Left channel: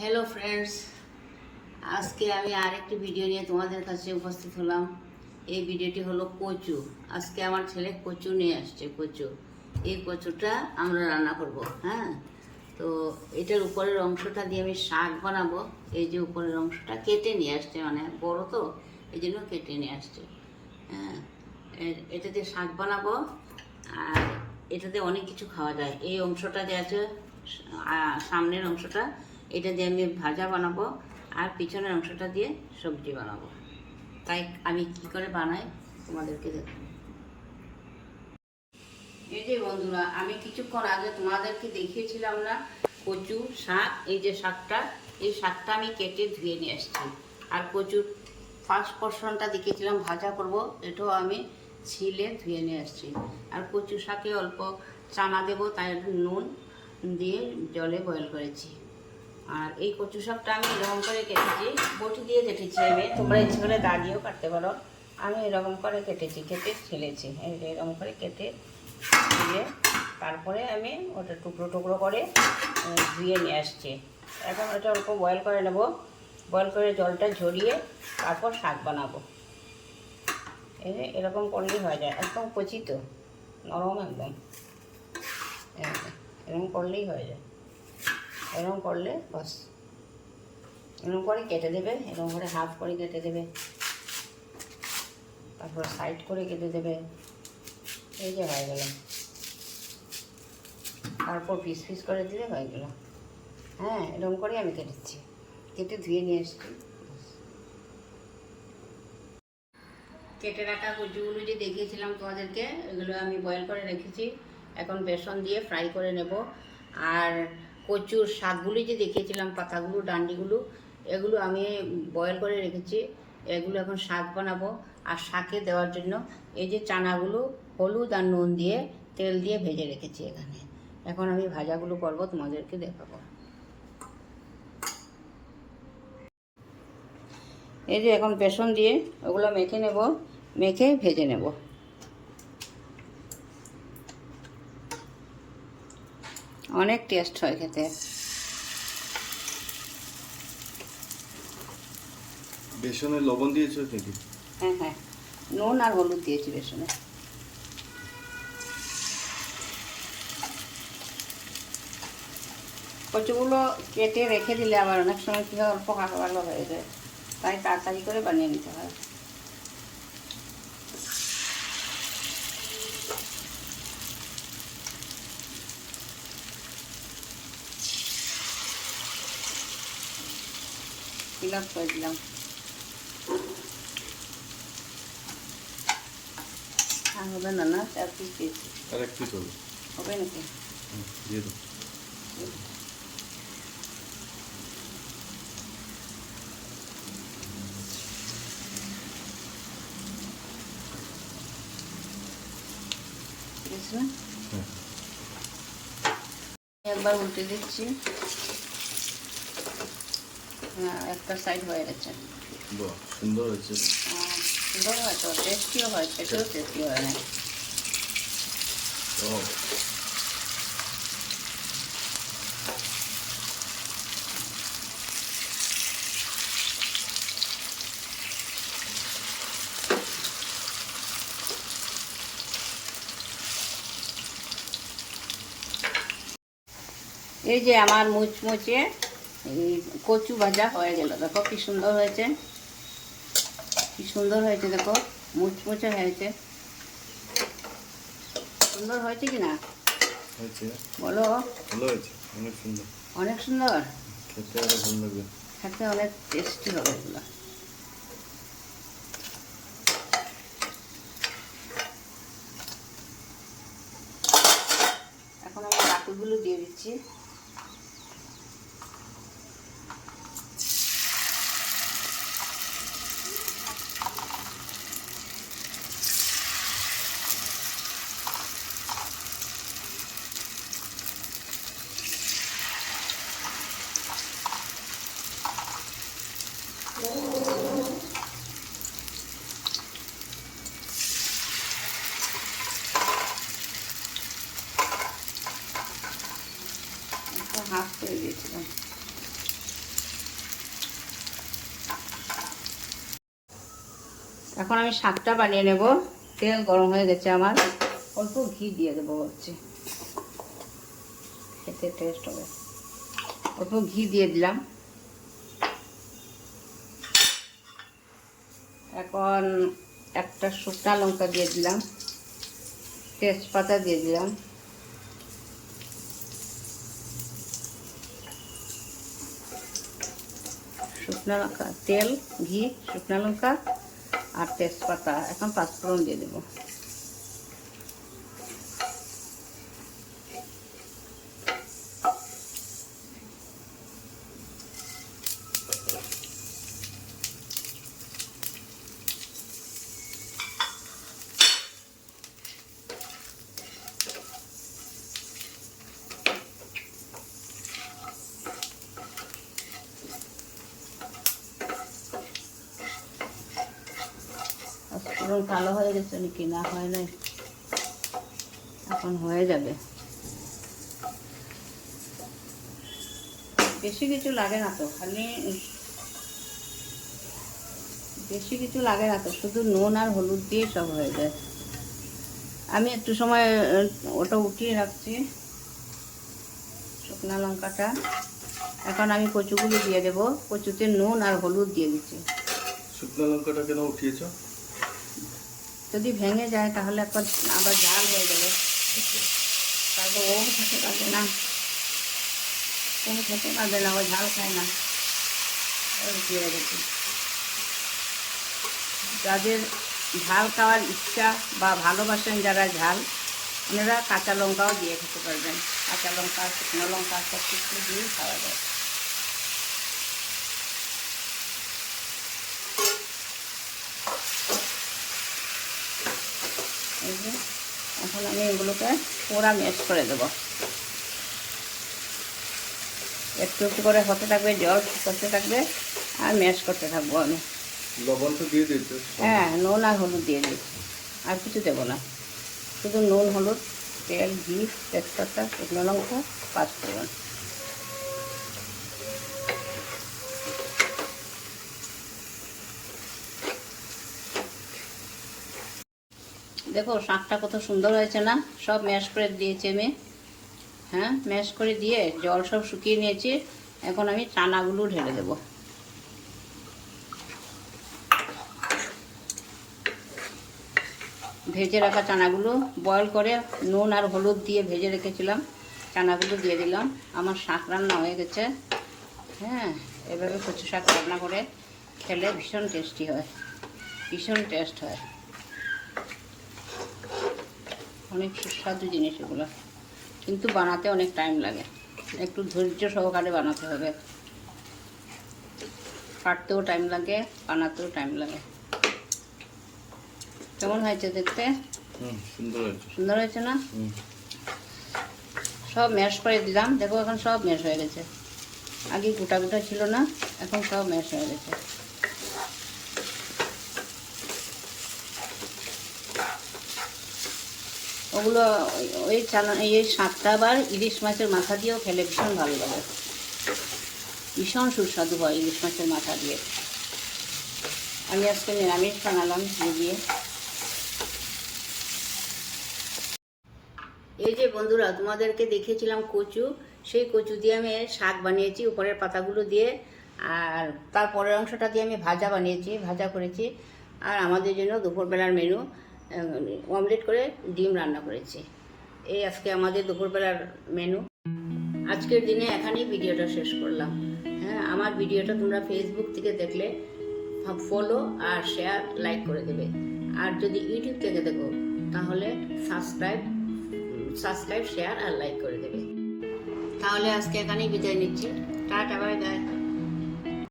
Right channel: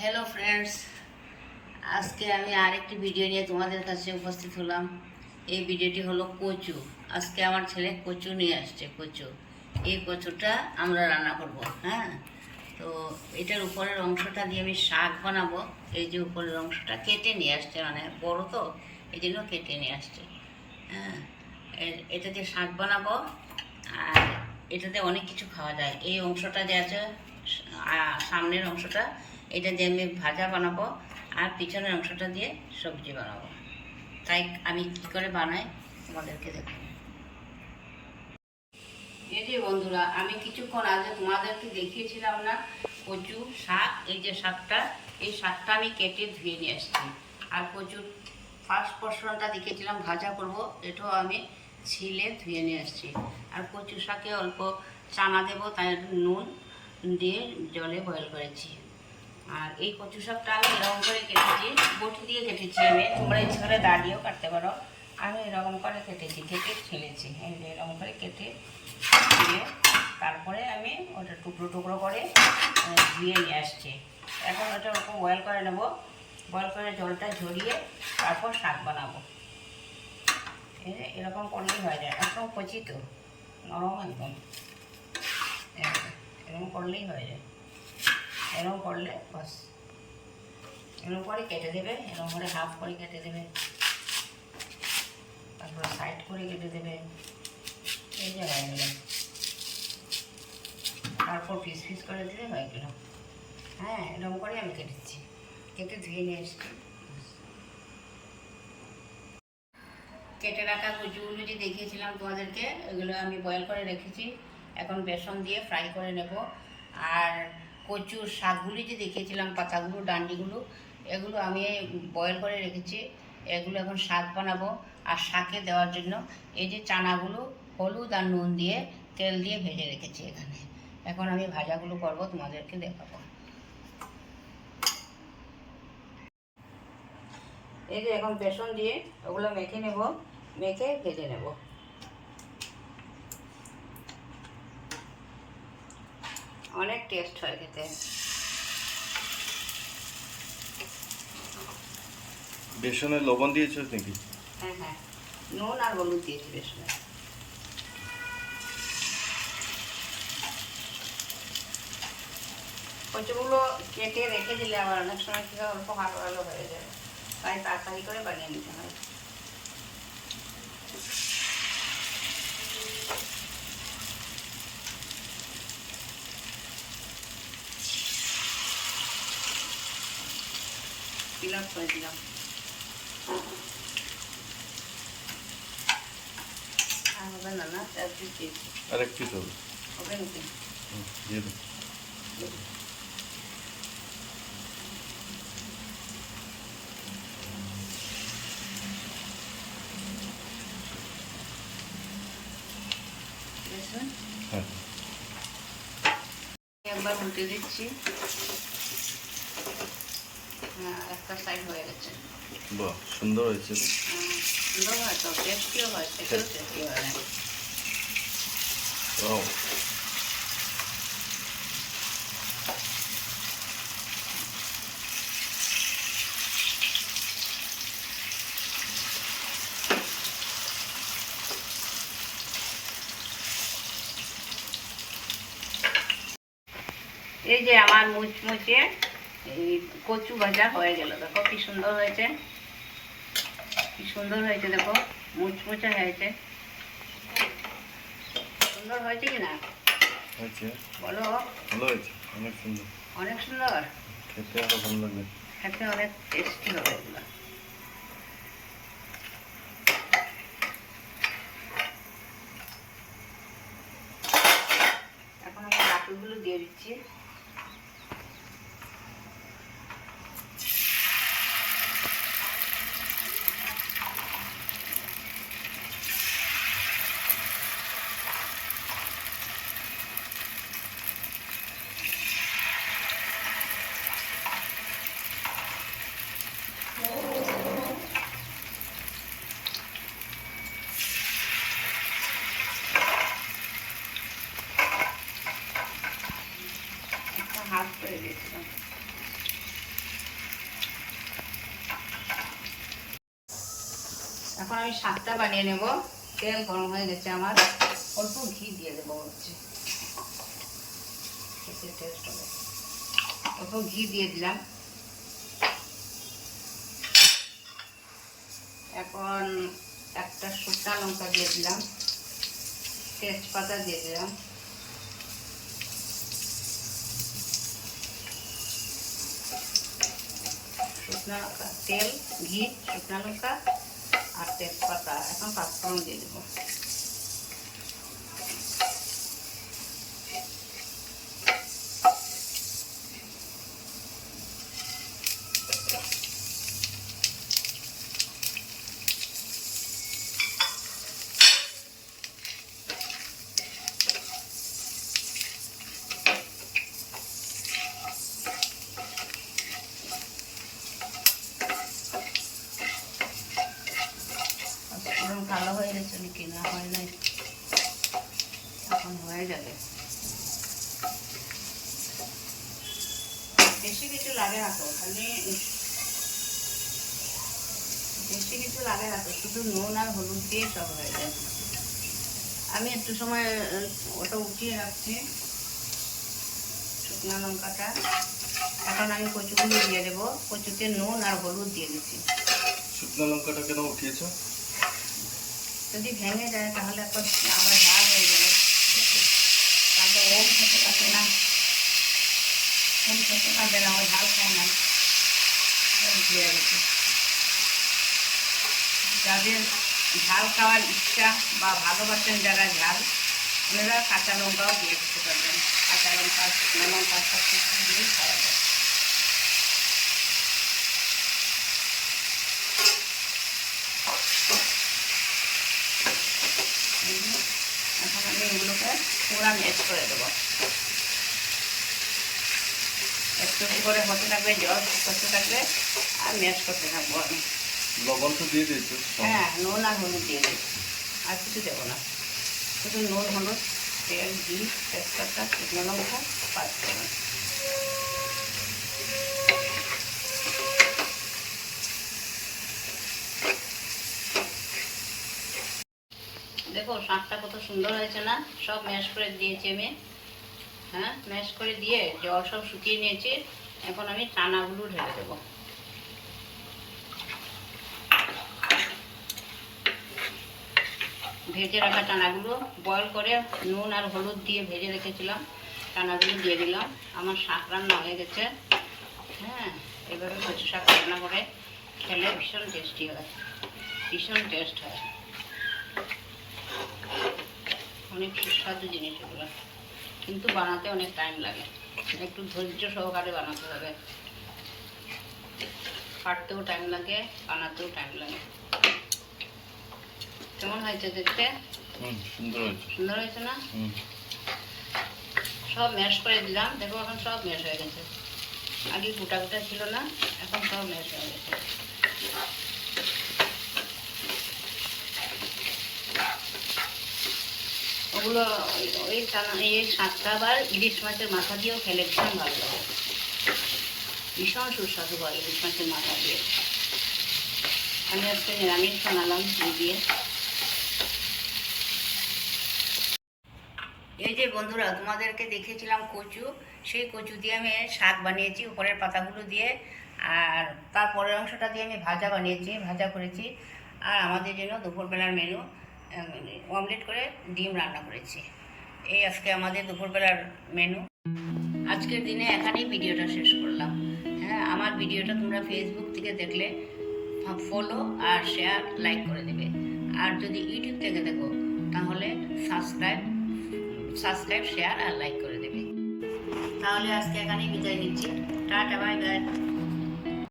Hello friends, আজকে আমি আরেকটি ভিডিও নিয়ে তোমাদের কাছে উপস্থিত হলাম। এই ভিডিওটি হলো কচু। আজকে আমার ছেলে কচু নিয়ে আসছে। এই কচুটা আমরা রান্না করব। হ্যাঁ, তো এটার উপরের অংশটা দিয়ে আমি শাক বানাবো। এই যে উপরের অংশটা কেটে নিয়ে আসছে, মানে বড় তো এই জন্য কেটে নিয়ে আসছে। হ্যাঁ, এটা দিয়ে শাক বানাবো। আর এটাতে অনেক কিছু খাওয়া যায়। এই অংশটা দিয়ে আছে, সামনের অংশটা এটা দিয়ে আমি ভাজা বানাবো, আর পিছনের অংশটা দিয়ে সবজি বানাবো। তাই আমি কি করে বানাই তোমাদেরকে দেখো। এই যে বন্ধুরা, আমি কিছুক্ষণ আগে তোমাদেরকে দেখিয়েছিলাম না কচু শাক। এই যে শাকটা, এই শাকটা আমি কেটে ধুয়ে নিয়ে আসছি। আর কচুর ফার্স্ট পোর্শনটা দেখিয়েছিলাম ভাজা করব, এটাও আমি ছিলে ধুয়ে নিয়ে আসছি। আর কচু শাকে অল্প চানা দেবো, তাই নুন দিয়ে জলে বয়েল করেছি। আর এই কচু শাকটা আমি এরকম করে কেটেছি, বটি দিয়ে কেটেছি আমি। তোমরা ইচ্ছে করে দাঁড়িয়েও কাটতে পারো। আমি এরকম করে কেটেছি, কেটে ছেলেছি। এই যে এরকম করে কেটে দিয়ে তারপরে আমি ওটা টুকরো টুকরো করে ধুয়ে নিয়ে আসছি। এখন ওটা অল্প বয়েল করে নেব। বয়েল করে জলটা ঝরিয়ে তারপর শাক বানাবো। এই যে এরকম করলেই হয়ে যায়। একদম কচি তো, নরম একদম। এরকম করলেই হয়ে যায়। এরকম করলে বাস, এরকম করে কেটে দেবে। এরকম করে হাফ করে কেটে দেবে, তারপর সাইড করে কেটে দেবে। এই যে হয়ে গেল। তারপর পিস পিস করে দিলে হয়ে গেল। হ্যাঁ, এরকম করে আমি কেটেছি, কেটে ধুয়ে নিয়ে এসছি। কেটে রাখা কচুগুলো যে দেখিয়েছিলাম তোমাদেরকে, এগুলো আমি বয়েল করে রেখেছি। এখন বেসন দিয়ে ফ্রাই করে নেব। আর কচুর শাকগুলি যে দেখিয়েছিলাম, পাতাগুলো ডান্ডিগুলো, এগুলো আমি বয়েল করে রেখেছি। এগুলো এখন শাক বানাবো। আর শাকে দেওয়ার জন্য এই যে চানাগুলো হলুদ আর নুন দিয়ে তেল দিয়ে ভেজে রেখেছি এখানে। এখন আমি ভাজাগুলো করবো, তোমাদেরকে দেখাবো। এই যে এখন বেসন দিয়ে ওগুলো মেখে নেব, মেখে ভেজে নেব। অনেক টেস্ট হয় খেতে। বেসনে লবণ দিয়েছো নাকি? হ্যাঁ হ্যাঁ, নুন আর হলুদ দিয়েছি বেসনে। কচুগুলো কেটে রেখে দিলে আবার অনেক সময় কী হয়, অল্প ভালো ভালো হয়ে যায়। তাই তাড়াতাড়ি করে বানিয়ে নিতে হয়। ফিল আপ করে দিলাম। আর হবে না, না 4 পিস দিয়েছি। আর এক পিস হবে নাকি? দিয়ে দাও। ঠিক আছে না? হ্যাঁ, একবার উল্টে দিচ্ছি। একটা সাইড হয়ে গেছে। বাহ, সুন্দর হয়েছে। সুন্দর হয় তো, টেস্টিও হয়, খেতেও টেস্টি হয় না। এই যে আমার মুচমুচে কচু ভাজা হয়ে গেল। দেখো কি সুন্দর হয়েছে, কি সুন্দর হয়েছে। দেখো মুচমুচে হয়েছে, সুন্দর হয়েছে কি না হয়েছে, বলো? ভালো হয়েছে, অনেক সুন্দর। অনেক সুন্দর, খেতে আরো ভালো লাগবে। খেতে অনেক টেস্টি হবে এগুলো। এখন আমি বাকিগুলো দিয়ে দিচ্ছি। এখন আমি শাকটা বানিয়ে নেব। তেল গরম হয়ে গেছে আমার, অল্প ঘি দিয়ে দেবো হচ্ছে, খেতে টেস্ট হবে। অল্প ঘি দিয়ে দিলাম। এখন একটা শুকনা লঙ্কা দিয়ে দিলাম, তেজপাতা দিয়ে দিলাম, শুকনা লঙ্কা, তেল, ঘি, শুকনা লঙ্কা আর তেজপাতা। এখন পাঁচফোড়ন দিয়ে দেবো। ফোড়ন কালো হয়ে গেছে নাকি না হয় না, এখন হয়ে যাবে। বেশি কিছু লাগে না তো, খালি বেশি কিছু লাগে না তো, শুধু নুন আর হলুদ দিয়ে সব হয়ে যায়। আমি একটু সময় ওটা উঠিয়ে রাখছি শুকনো লঙ্কাটা। এখন আমি কচুগুলো দিয়ে দেবো। কচুতে নুন আর হলুদ দিয়ে দিচ্ছি। শুকনো লঙ্কাটা কেন উঠিয়েছো? যদি ভেঙে যায় তাহলে একটা আবার ঝাল হয়ে যাবে, তাহলে ও খেতে পারবে না, কোনো খেতে পারবে না, ও ঝাল খায় না। দিয়ে রেখেছি। যাদের ঝাল খাওয়ার ইচ্ছা বা ভালোবাসেন যারা ঝাল, ওনারা কাঁচা লঙ্কাও দিয়ে খেতে পারবেন। কাঁচা লঙ্কা, শুকনো লঙ্কা সব কিছু দিয়েই খাওয়া যায়। এখন আমি এগুলোকে পুরা ম্যাশ করে দেবো। একটু একটু করে হতে থাকবে, জল করতে থাকবে আর ম্যাশ করতে থাকবো আমি। লবণ তো দিয়ে দিয়েছো? হ্যাঁ, নুন আর হলুদ দিয়ে দিই, আর কিছু দেবো না। শুধু নুন, হলুদ, তেল, ঘি, তেজপাতা, শুকনো লঙ্কা, পাঁচফোড়ন। দেখো শাকটা কত সুন্দর হয়েছে না? সব ম্যাশ করে দিয়েছি আমি। হ্যাঁ, ম্যাশ করে দিয়ে জল সব শুকিয়ে নিয়েছি। এখন আমি চানাগুলো ঢেলে দেবো। ভেজে রাখা চানাগুলো বয়েল করে নুন আর হলুদ দিয়ে ভেজে রেখেছিলাম, চানাগুলো দিয়ে দিলাম। আমার শাক রান্না হয়ে গেছে। হ্যাঁ, এভাবে কচু শাক রান্না করে খেলে ভীষণ টেস্টি হয়, ভীষণ টেস্ট হয়। অনেক সুস্বাদু জিনিস এগুলো, কিন্তু বানাতে অনেক টাইম লাগে, একটু ধৈর্য সহকারে বানাতে হবে। কাটতেও টাইম লাগে, বানাতেও টাইম লাগে। কেমন হয়েছে দেখতে? সুন্দর হয়েছে। সুন্দর হয়েছে না? সব ম্যাশ করে দিলাম। দেখো এখন সব ম্যাশ হয়ে গেছে। আগে গোটা গোটা ছিল না, এখন সব ম্যাশ হয়ে গেছে। ওগুলো এই শাকটা আবার ইলিশ মাছের মাথা দিয়েও খেলে ভীষণ ভালো লাগে, ভীষণ সুস্বাদু হয় ইলিশ মাছের মাথা দিয়ে। আমি আজকে নিরামিষ বানালাম ঘি দিয়ে। এই যে বন্ধুরা, তোমাদেরকে দেখিয়েছিলাম কচু, সেই কচু দিয়ে আমি শাক বানিয়েছি উপরের পাতাগুলো দিয়ে, আর তারপরের অংশটা দিয়ে আমি ভাজা বানিয়েছি, ভাজা করেছি। আর আমাদের জন্য দুপুরবেলার মেনু অমলেট করে ডিম রান্না করেছি। এই আজকে আমাদের দুপুরবেলার মেনু। আজকের দিনে এখানেই ভিডিওটা শেষ করলাম। হ্যাঁ, আমার ভিডিওটা তোমরা ফেসবুক থেকে দেখলে ফলো আর শেয়ার, লাইক করে দেবে। আর যদি ইউটিউব থেকে দেখো তাহলে সাবস্ক্রাইব, শেয়ার আর লাইক করে দেবে। তাহলে আজকে এখানেই বিদায় নিচ্ছি। Tata, bye bye.